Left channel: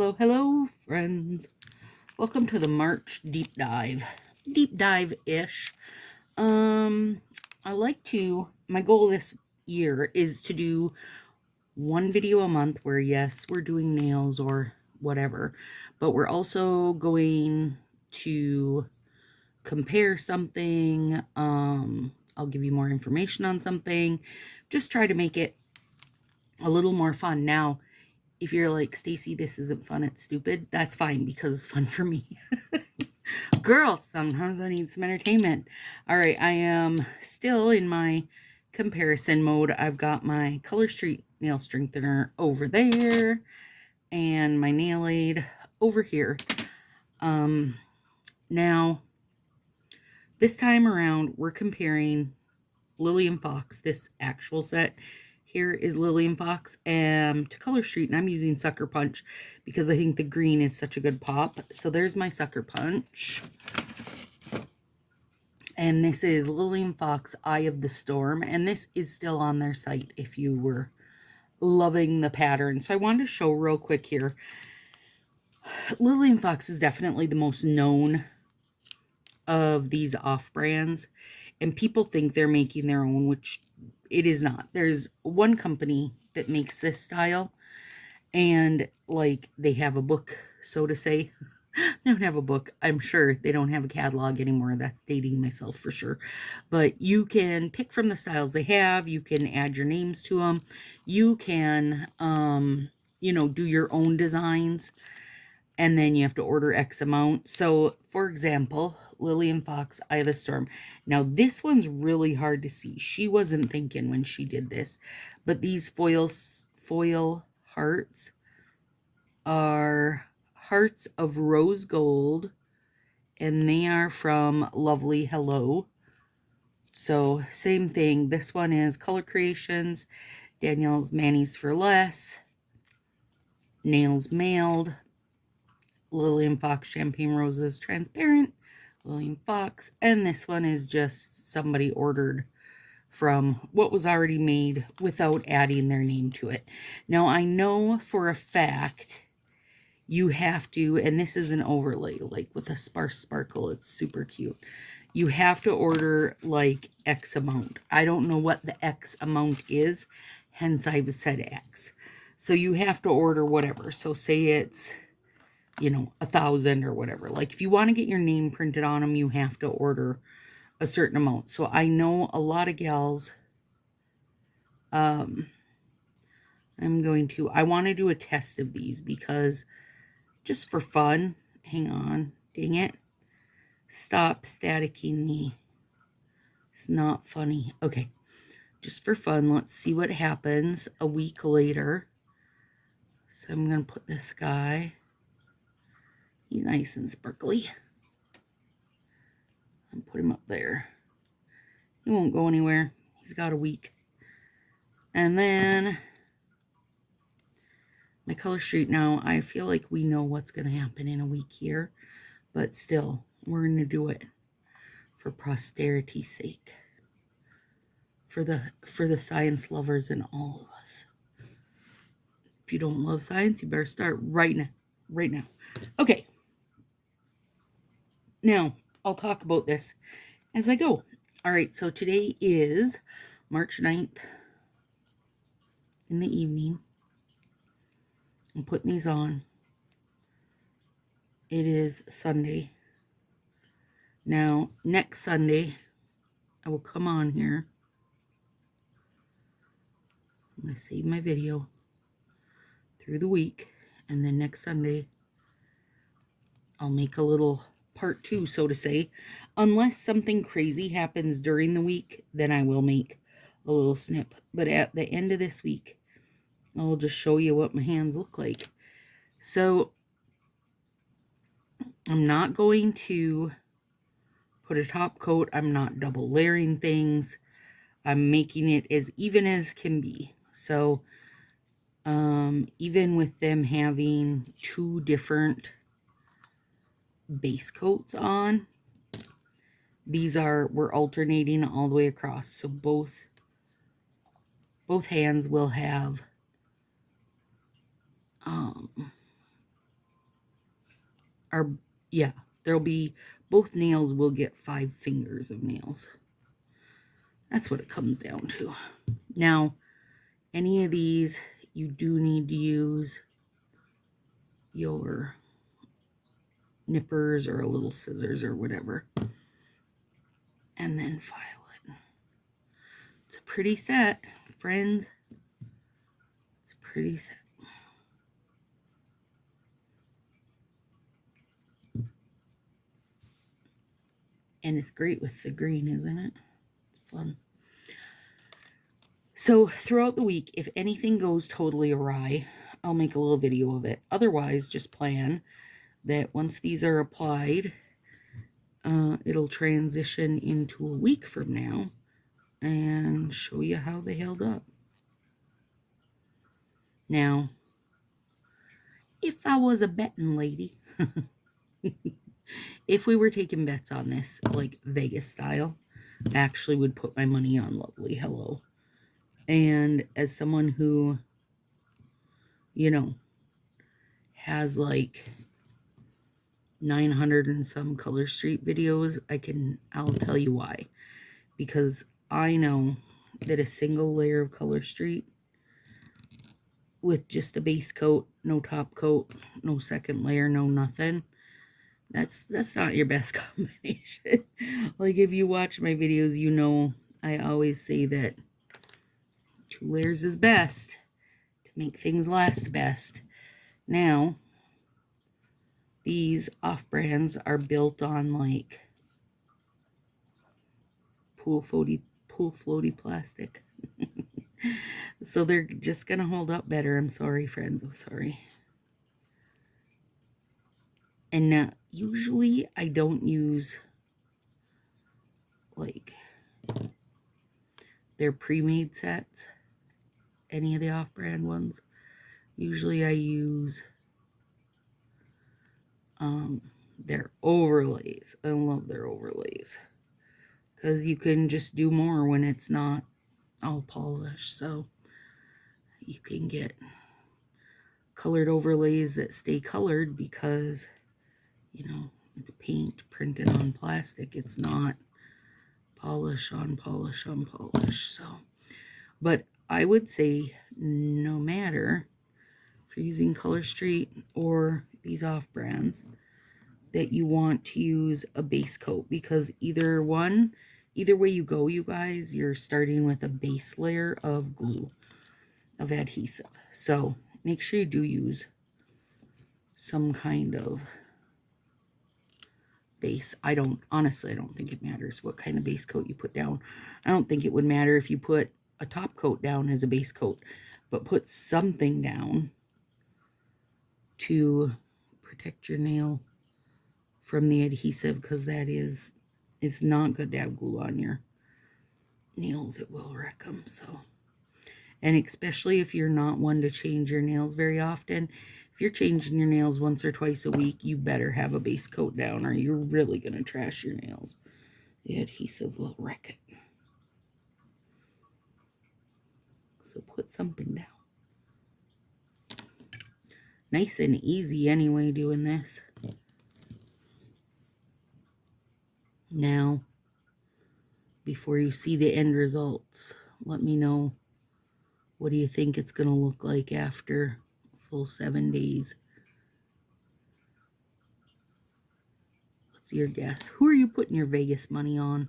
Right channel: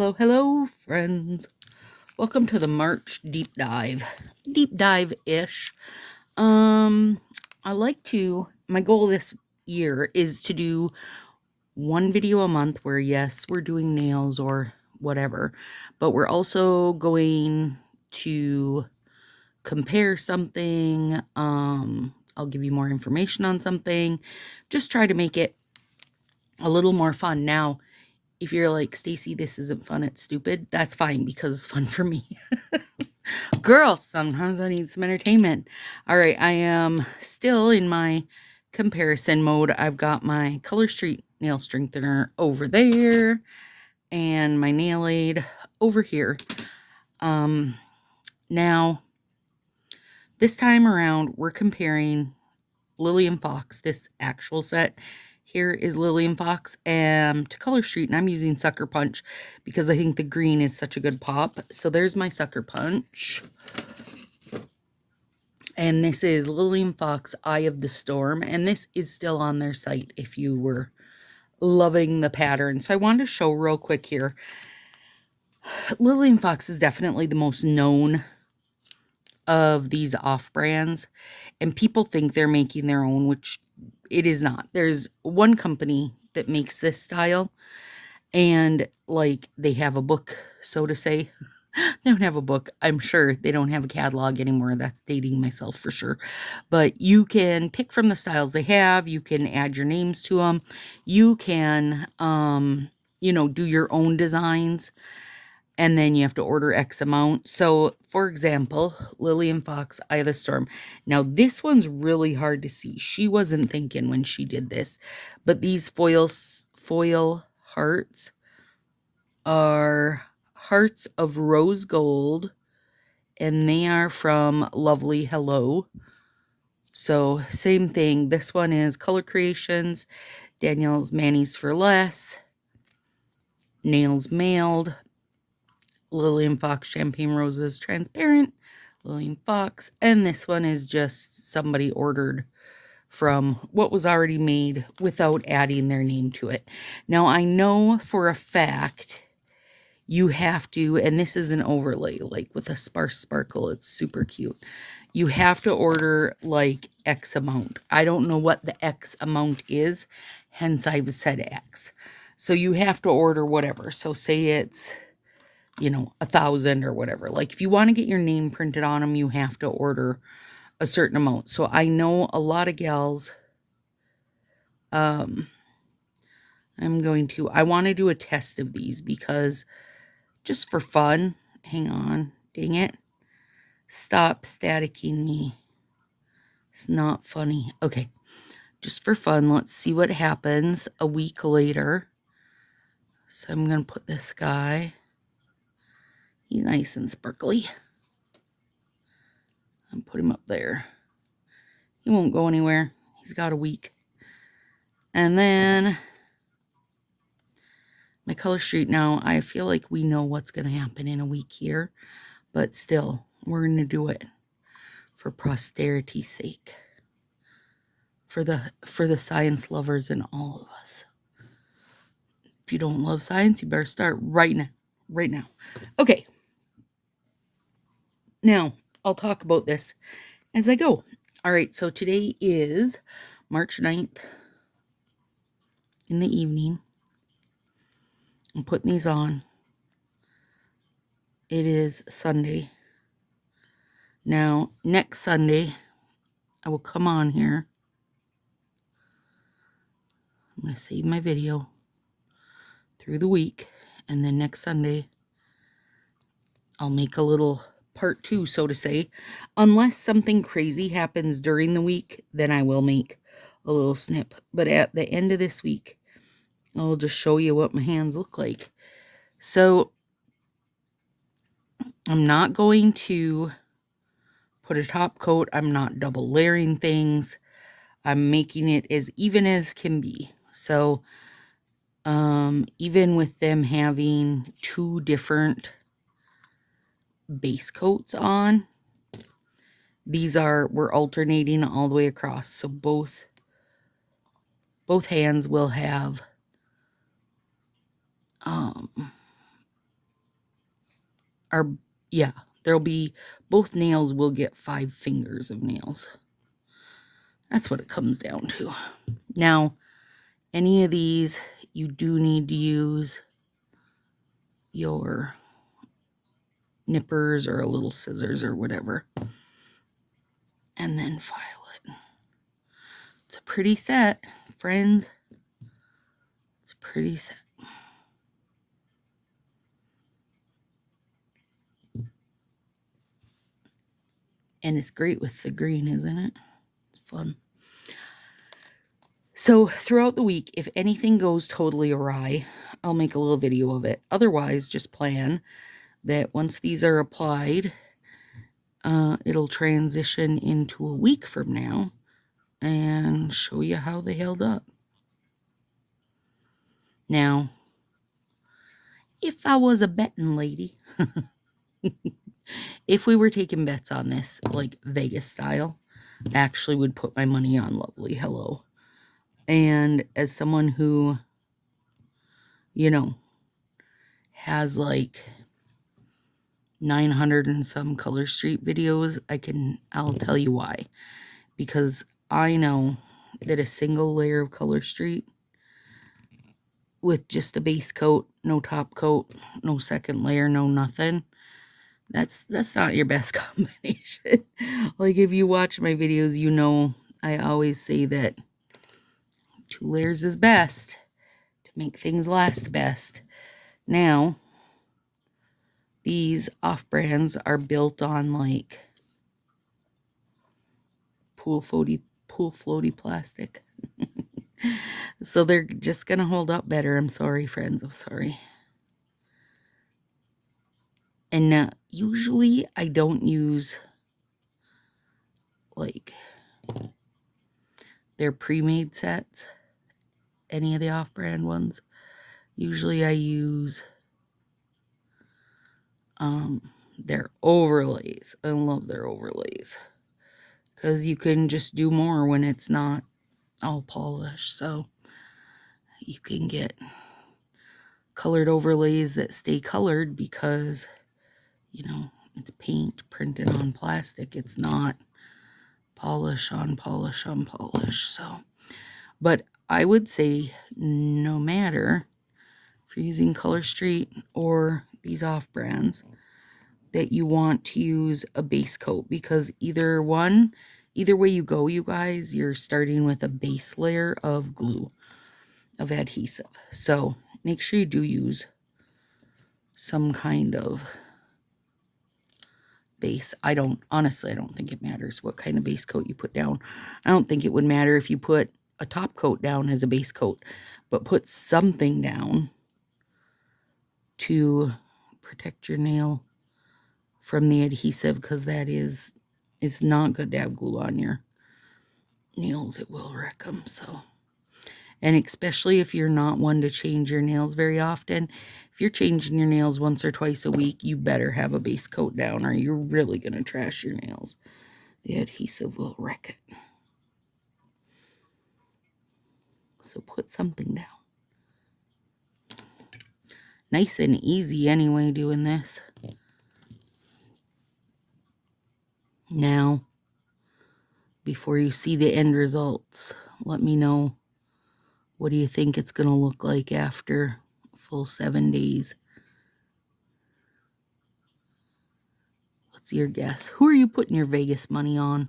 Hello, hello, friends. Welcome to the March deep dive. Deep dive-ish. My goal this year is to do one video a month where, yes, we're doing nails or whatever, but we're also going to compare something. I'll give you more information on something. Just try to make it a little more fun. Now, if you're like, Stacy, this isn't fun, it's stupid, that's fine because it's fun for me. Girl, sometimes I need some entertainment. All right, I am still in my comparison mode. I've got my Color Street nail strengthener over there and my nail aid over here. Now, this time around, we're comparing Lily and Fox, this actual set. Here is Lily and Fox to Color Street, and I'm using Sucker Punch because I think the green is such a good pop. So there's my Sucker Punch. And this is Lily and Fox Eye of the Storm, and this is still on their site if you were loving the pattern. So I wanted to show real quick here. Lily and Fox is definitely the most known of these off-brands, and people think they're making their own, which it is not. There's one company that makes this style, and like they have a book, so to say. They don't have a book. I'm sure they don't have a catalog anymore. That's dating myself for sure. But you can pick from the styles they have. You can add your names to them. You can, do your own designs. And then you have to order X amount. So, for example, Lily and Fox, Eye of the Storm. Now, this one's really hard to see. She wasn't thinking when she did this. But these foil hearts are hearts of rose gold. And they are from Lovely Hello. So, same thing. This one is Color Creations. Danielle's Manny's for Less. Nails Mailed. Lily and Fox Champagne Roses Transparent, Lily and Fox, and this one is just somebody ordered from what was already made without adding their name to it. Now, I know for a fact you have to, and this is an overlay, like with a sparse sparkle, it's super cute. You have to order like X amount. I don't know what the X amount is, hence I've said X. So you have to order whatever. So say it's 1,000 or whatever. Like if you want to get your name printed on them, you have to order a certain amount. So I know a lot of gals, I want to do a test of these because just for fun, hang on, dang it. Stop staticking me. It's not funny. Okay, just for fun, let's see what happens a week later. So I'm going to put this guy. He's nice and sparkly. I'll put him up there. He won't go anywhere. He's got a week. And then my Color Street. Now, I feel like we know what's going to happen in a week here. But still, we're going to do it for posterity's sake. For the science lovers in all of us. If you don't love science, you better start right now. Right now. Okay. Now, I'll talk about this as I go. All right, so today is March 9th in the evening. I'm putting these on. It is Sunday. Now, next Sunday, I will come on here. I'm going to save my video through the week. And then next Sunday, I'll make a little part 2, so to say. Unless something crazy happens during the week, then I will make a little snip. But at the end of this week, I'll just show you what my hands look like. So, I'm not going to put a top coat. I'm not double layering things. I'm making it as even as can be. So, even with them having 2 different base coats on, we're alternating all the way across. So both hands will have are, yeah, there'll be, both nails will get 5 fingers of nails. That's what it comes down to. Now, any of these, you do need to use your nippers or a little scissors or whatever. And then file it. It's a pretty set, friends. It's a pretty set. And it's great with the green, isn't it? It's fun. So throughout the week, if anything goes totally awry, I'll make a little video of it. Otherwise, just plan that once these are applied, it'll transition into a week from now and show you how they held up. Now, if I was a betting lady, if we were taking bets on this, like Vegas style, I actually would put my money on Lovely Hello. And as someone who, you know, has like 900 and some Color Street videos, I'll tell you why. Because I know that a single layer of Color Street with just a base coat, no top coat, no second layer, no nothing, that's not your best combination. Like, if you watch my videos, you know I always say that 2 layers is best to make things last best. Now, these off-brands are built on like pool floaty plastic. So they're just gonna hold up better. I'm sorry, friends. I'm sorry. And now, usually I don't use like their pre-made sets, any of the off-brand ones. Usually I use their overlays. I love their overlays because you can just do more when it's not all polished. So you can get colored overlays that stay colored because, you know, it's paint printed on plastic. It's not polish on polish on polish. So, but I would say no matter if you're using Color Street or these off brands, that you want to use a base coat, because either way you go, you guys, you're starting with a base layer of glue, of adhesive. So make sure you do use some kind of base. Honestly, I don't think it matters what kind of base coat you put down. I don't think it would matter if you put a top coat down as a base coat, but put something down to protect your nail from the adhesive, because that is, it's not good to have glue on your nails. It will wreck them. So, and especially if you're not one to change your nails very often, if you're changing your nails once or twice a week, you better have a base coat down or you're really going to trash your nails. The adhesive will wreck it. So put something down. Nice and easy anyway doing this. Now, before you see the end results, let me know, what do you think it's going to look like after a full 7 days? What's your guess? Who are you putting your Vegas money on?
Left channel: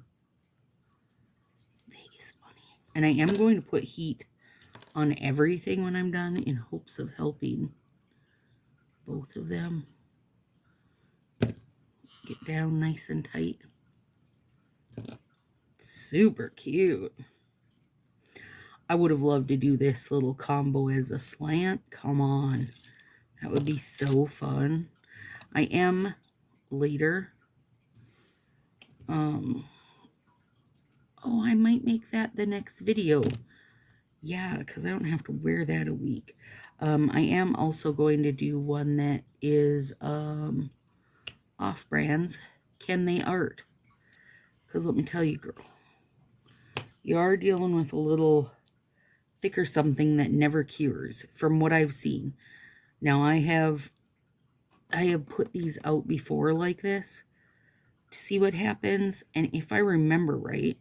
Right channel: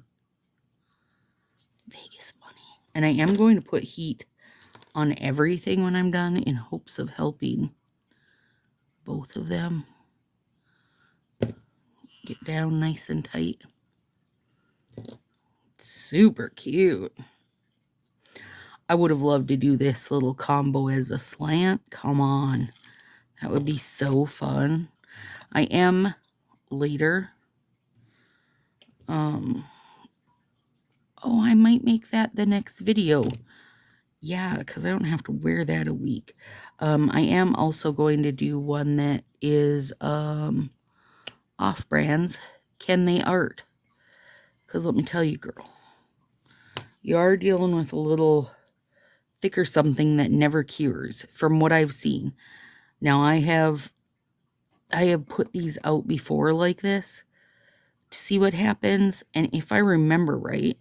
Vegas money. And I am going to put heat on everything when I'm done in hopes of helping both of them get down nice and tight. Super cute. I would have loved to do this little combo as a slant. Come on. That would be so fun. I am later. Oh, I might make that the next video. Yeah, because I don't have to wear that a week. I am also going to do one that is off-brands. Can they art? Because let me tell you, girl, you are dealing with a little thicker something that never cures, from what I've seen. Now, I have I have put these out before like this to see what happens. And if I remember right,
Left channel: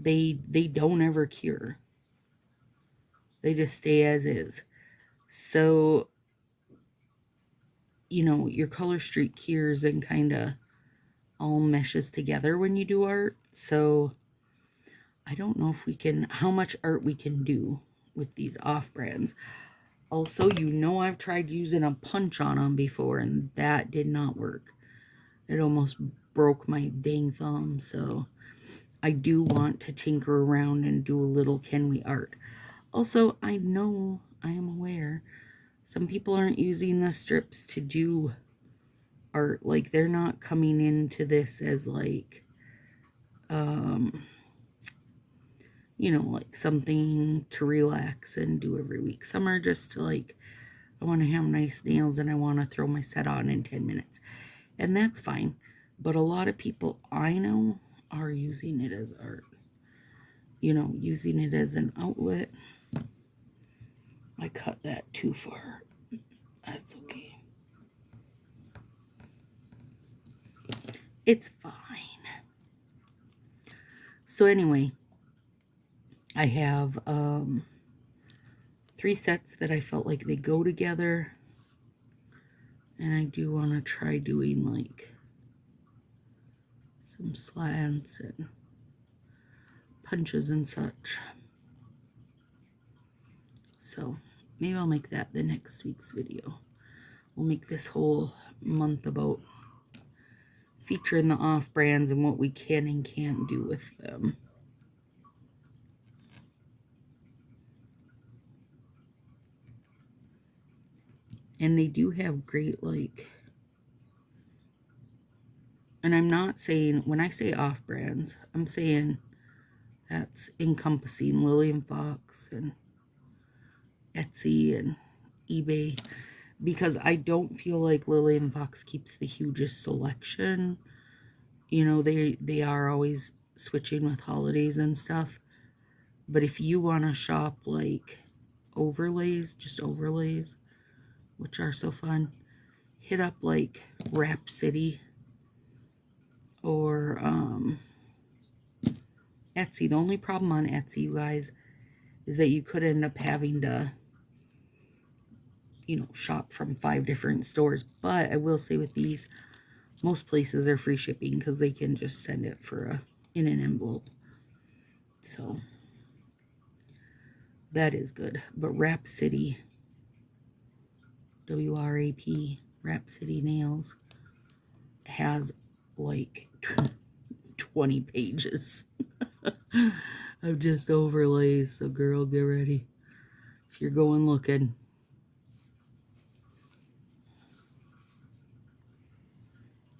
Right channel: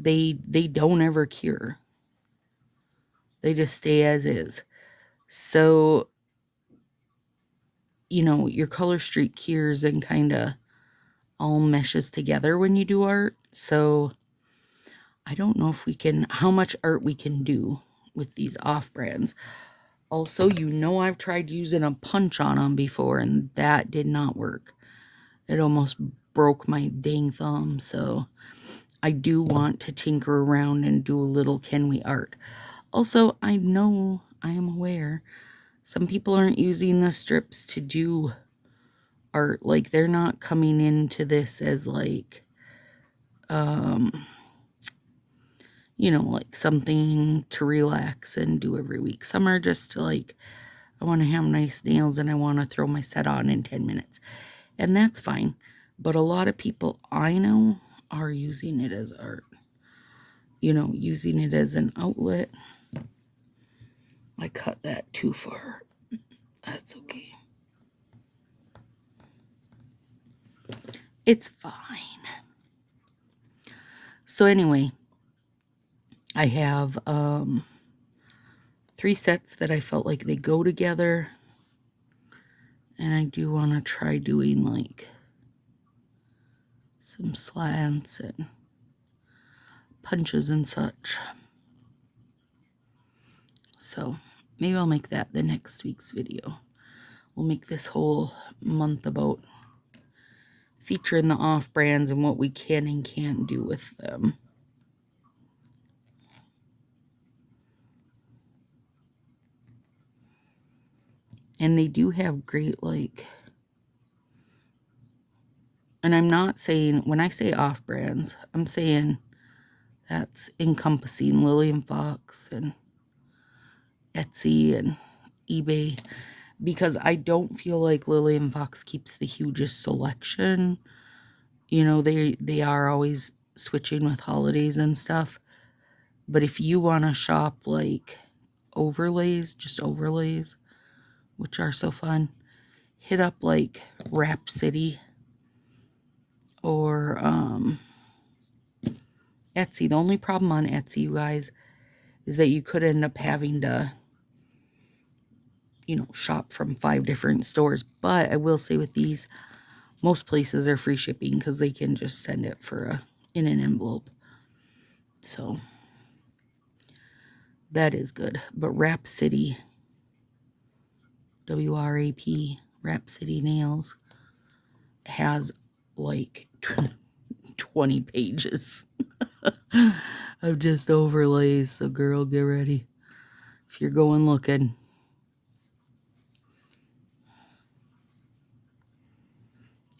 they don't ever cure. They just stay as is. So, you know, your color streak cures and kind of all meshes together when you do art. So I don't know if we can, how much art we can do with these off brands. Also, you know, I've tried using a punch on them before and that did not work. It almost broke my dang thumb. So I do want to tinker around and do a little can we art. Also, I know, I am aware, some people aren't using the strips to do art. Like, they're not coming into this as like, you know, like something to relax and do every week. Some are just to like, I want to have nice nails and I want to throw my set on in 10 minutes. And that's fine. But a lot of people I know are using it as art. You know, using it as an outlet. I cut that too far. That's okay. It's fine. So anyway, I have 3 sets that I felt like they go together. And I do want to try doing like some slants and punches and such. So maybe I'll make that the next week's video. We'll make this whole month about featuring the off brands and what we can and can't do with them. And they do have great, like, and I'm not saying, when I say off brands, I'm saying that's encompassing Lillian Fox and Etsy and eBay, because I don't feel like Lillian Fox keeps the hugest selection. You know, they are always switching with holidays and stuff. But if you want to shop like overlays, just overlays, which are so fun, hit up like Rhapsody or Etsy. The only problem on Etsy, you guys, is that you could end up having to, you know, shop from 5 different stores. But I will say with these, most places are free shipping because they can just send it for in an envelope. So that is good. But Rhapsody, W-R-A-P, Rhapsody Nails, has like 20 pages of just overlays. So girl, get ready if you're going looking.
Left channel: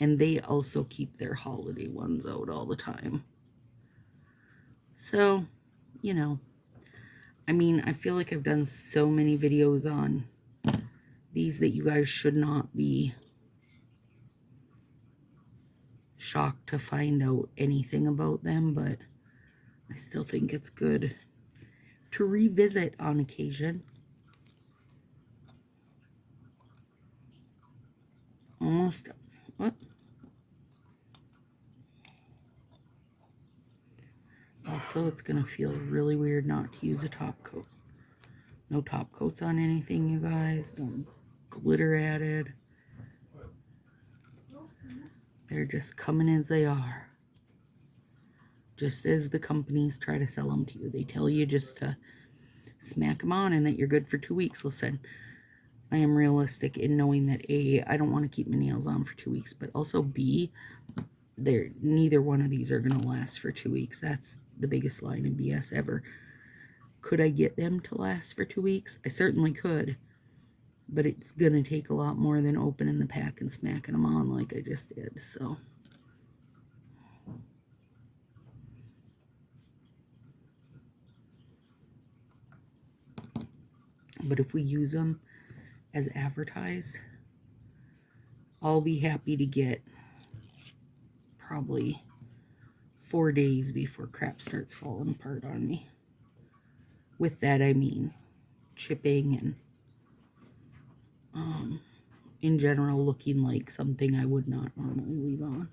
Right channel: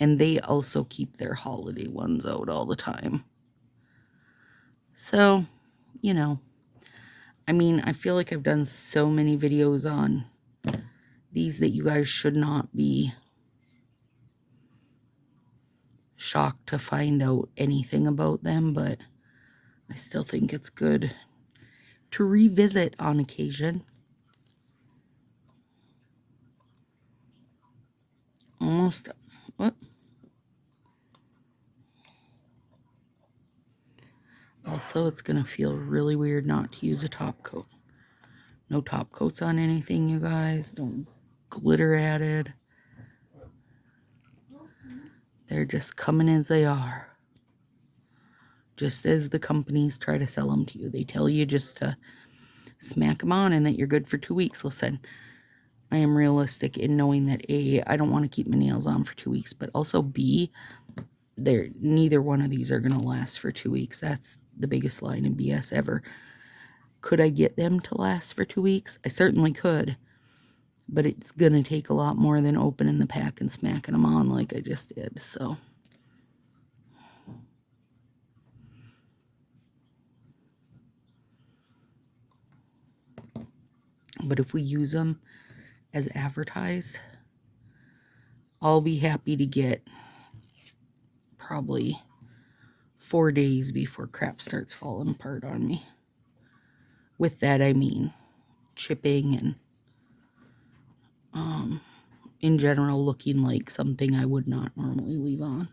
And they also keep their holiday ones out all the time. So, you know, I mean, I feel like I've done so many videos on these that you guys should not be shocked to find out anything about them, but I still think it's good to revisit on occasion. Almost, what? Also, it's going to feel really weird not to use a top coat. No top coats on anything, you guys. Don't glitter added. They're just coming as they are. Just as the companies try to sell them to you. They tell you just to smack them on and that you're good for 2 weeks. Listen, I am realistic in knowing that A, I don't want to keep my nails on for 2 weeks, but also B, neither one of these are going to last for 2 weeks. That's the biggest line of BS ever. Could I get them to last for 2 weeks? I certainly could. But it's going to take a lot more than opening the pack and smacking them on like I just did. So, but if we use them as advertised, I'll be happy to get probably 4 days before crap starts falling apart on me. With that, I mean chipping and in general looking like something I would not normally leave on.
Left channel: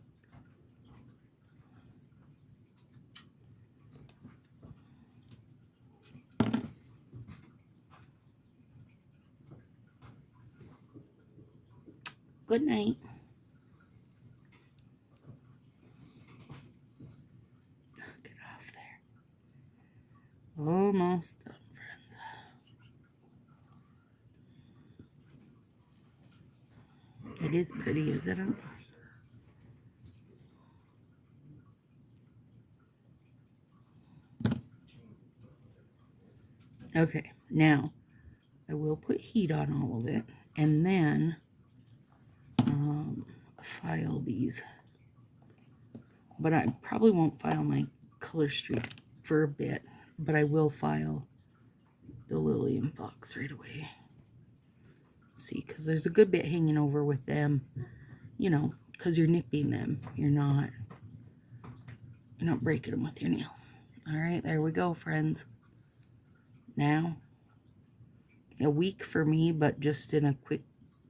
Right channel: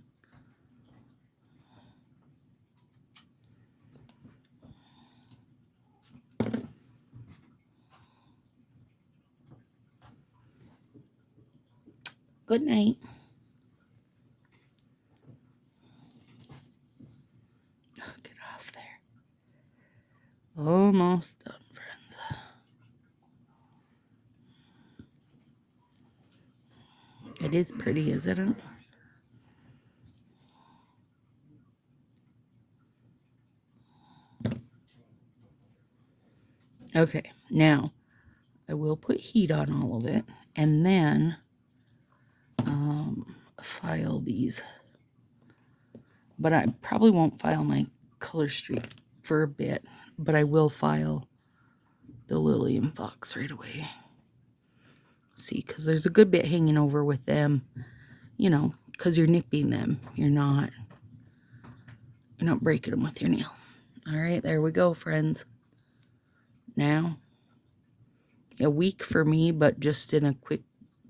Good night. Oh, get off there. Almost done, friends. It is pretty, isn't it? Okay, now I will put heat on all of it and then file these. But I probably won't file my color streak for a bit, but I will file the lily and fox right away. See, because there's a good bit hanging over with them, you know, because you're nipping them. You're not breaking them with your nail. All right, there we go, friends. Now, a week for me, but just in a quick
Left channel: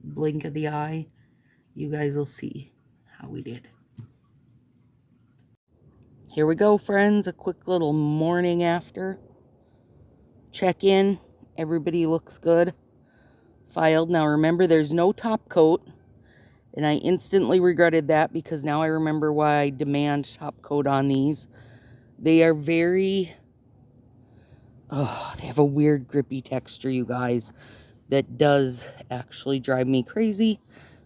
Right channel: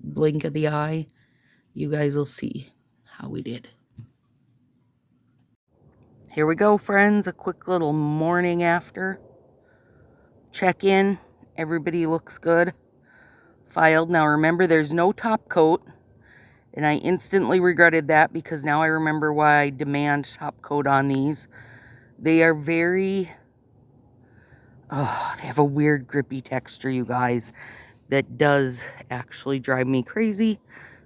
blink of the eye, you guys will see how we did. Here we go, friends. A quick little morning after. Check in. Everybody looks good. Filed. Now remember, there's no top coat. And I instantly regretted that because now I remember why I demand top coat on these. They are very... oh, they have a weird grippy texture, you guys. That does actually drive me crazy.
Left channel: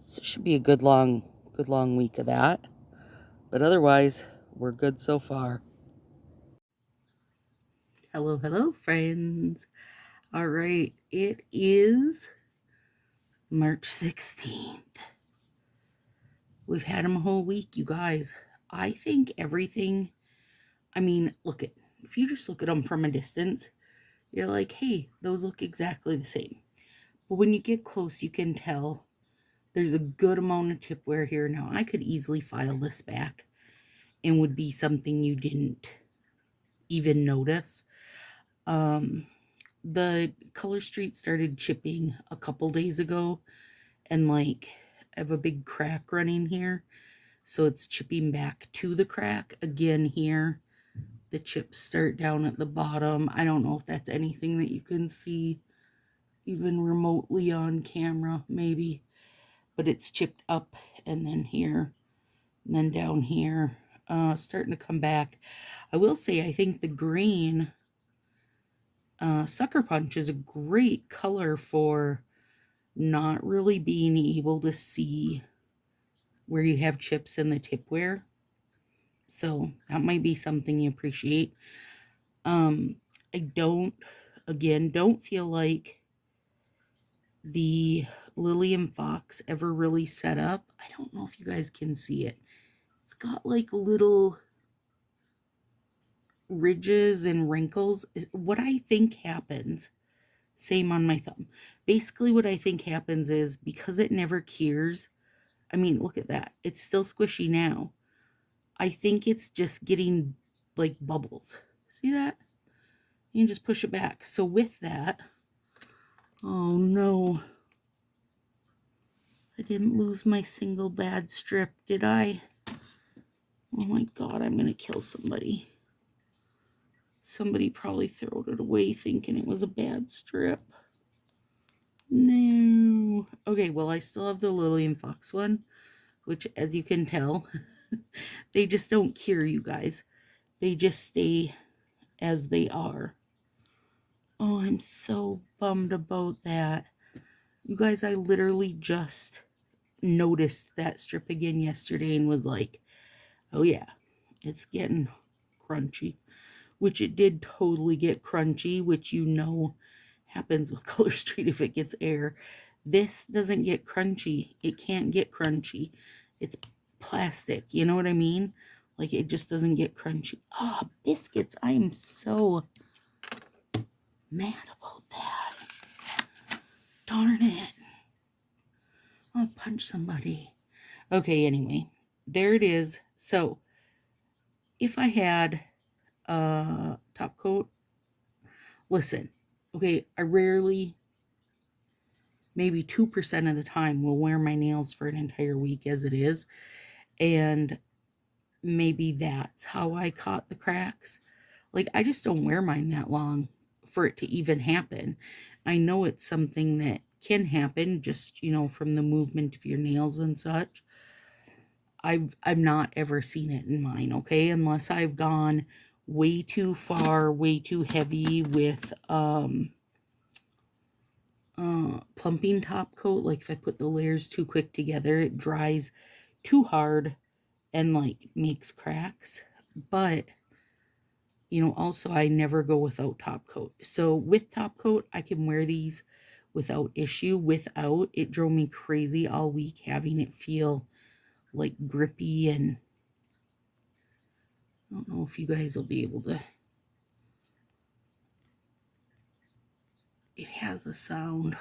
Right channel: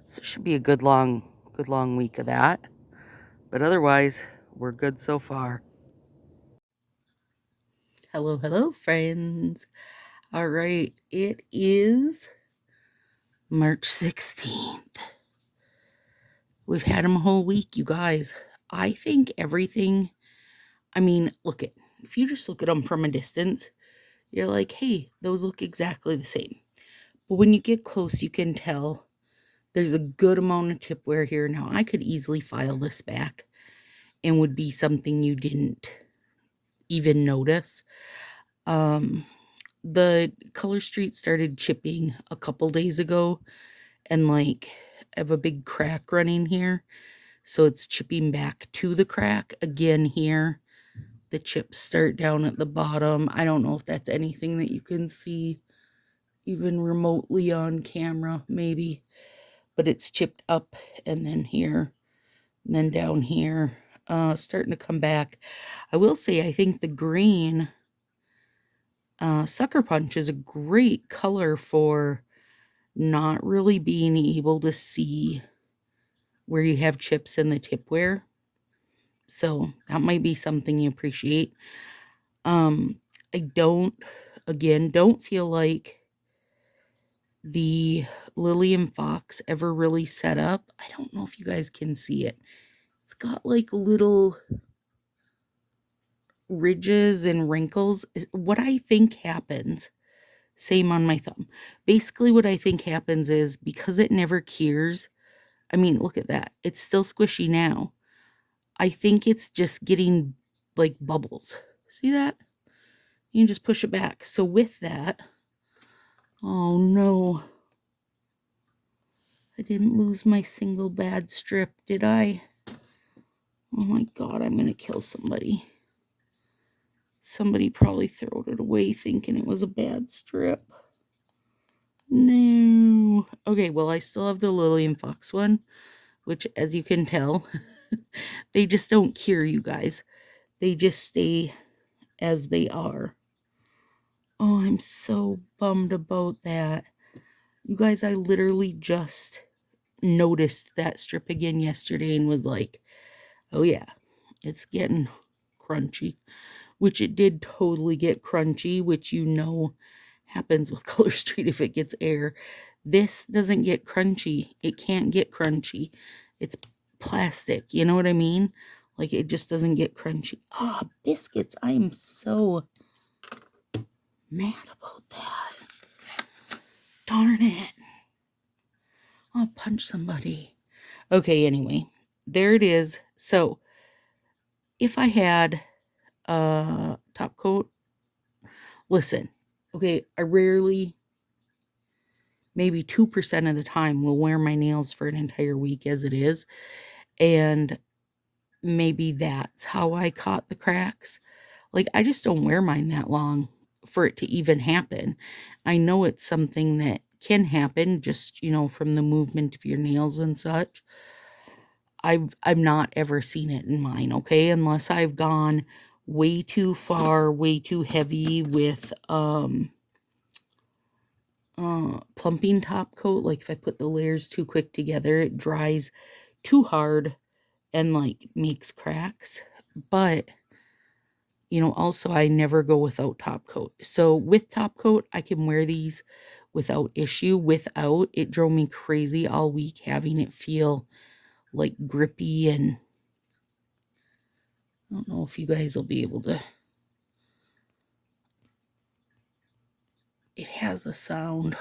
So it should be a good long week of that. But otherwise, we're good so far. Hello, hello, friends. All right, it is March 16th. We've had them a whole week, you guys. I think everything, I mean, look at, if you just look at them from a distance, you're like, hey, those look exactly the same. But when you get close, you can tell there's a good amount of tip wear here. Now, I could easily file this back and would be something you didn't even notice. The color street started chipping a couple days ago, and like I have a big crack running here, so it's chipping back to the crack again here. The chips start down at the bottom. I don't know if that's anything that you can see even remotely on camera, maybe, but it's chipped up and then here and then down here, starting to come back. I will say I think the green Sucker Punch is a great color for not really being able to see where you have chips in the tipware. So that might be something you appreciate. I don't feel like the Lily and Fox ever really set up. I don't know if you guys can see it. It's got like little ridges and wrinkles. What I think happens, same on my thumb. Basically what I think happens is because it never cures, I mean, look at that. It's still squishy now. I think it's just getting like bubbles. See that? You can just push it back. So with that, oh no. I didn't lose my single bad strip, did I? Oh my God, I'm going to kill somebody. Somebody probably throwed it away thinking it was a bad strip. No. Okay, well, I still have the Lily and Fox one, which, as you can tell, they just don't cure, you guys. They just stay as they are. Oh, I'm so bummed about that. You guys, I literally just noticed that strip again yesterday and was like, oh yeah, it's getting crunchy. Which it did totally get crunchy, which you know happens with Color Street if it gets air. This doesn't get crunchy. It can't get crunchy. It's plastic, you know what I mean? Like it just doesn't get crunchy. Ah, biscuits. I am so mad about that. Darn it. I'll punch somebody. Okay, anyway, there it is. So if I had top coat, Listen, okay, I rarely, maybe 2% of the time, will wear my nails for an entire week as it is. And maybe that's how I caught the cracks. Like, I just don't wear mine that long for it to even happen. I know it's something that can happen just, from the movement of your nails and such. I've not ever seen it in mine, okay? Unless I've gone way too far, way too heavy with plumping top coat. Like if I put the layers too quick together, it dries too hard and like makes cracks. But also I never go without top coat. So with top coat, I can wear these without issue. Without, it drove me crazy all week having it feel like grippy, and I don't know if you guys will be able to. It has a sound.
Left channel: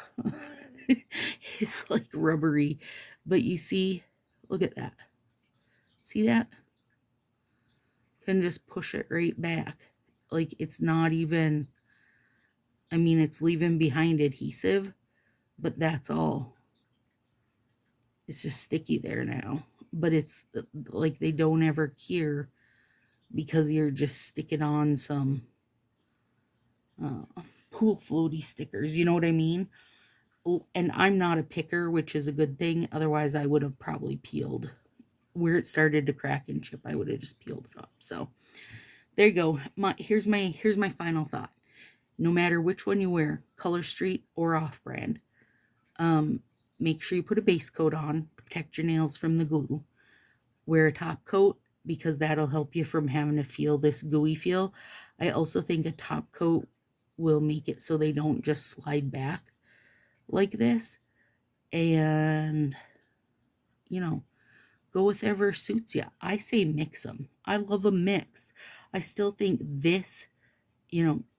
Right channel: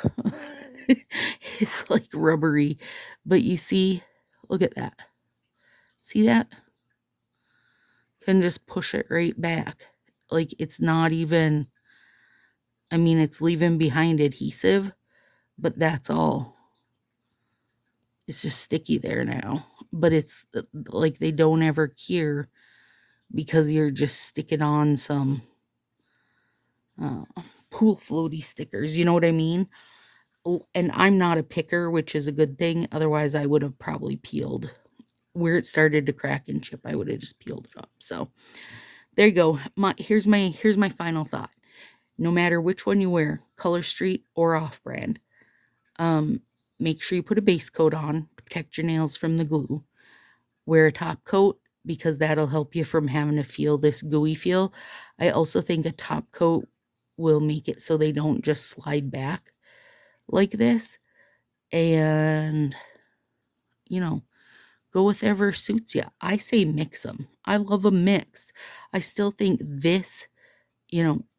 It's like rubbery, but you see, look at that. See that? Can just push it right back. Like it's not even, it's leaving behind adhesive, but that's all. It's just sticky there now. But it's like they don't ever cure because you're just sticking on some pool floaty stickers. You know what I mean? And I'm not a picker, which is a good thing. Otherwise, I would have probably peeled. Where it started to crack and chip, I would have just peeled it up. So there you go. Here's my final thought. No matter which one you wear, Color Street or off-brand, make sure you put a base coat on to protect your nails from the glue. Wear a top coat because that'll help you from having to feel this gooey feel. I also think a top coat will make it so they don't just slide back like this. And, go with whatever suits you. I say mix them. I love a mix. I still think this,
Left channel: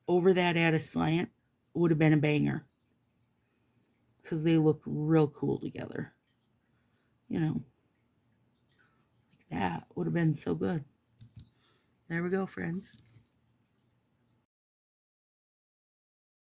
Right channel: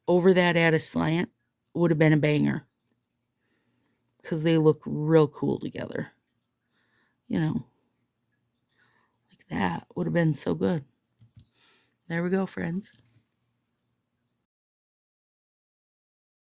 over that at a slant would have been a banger because they look real cool together. Like that would have been so good. There we go, friends.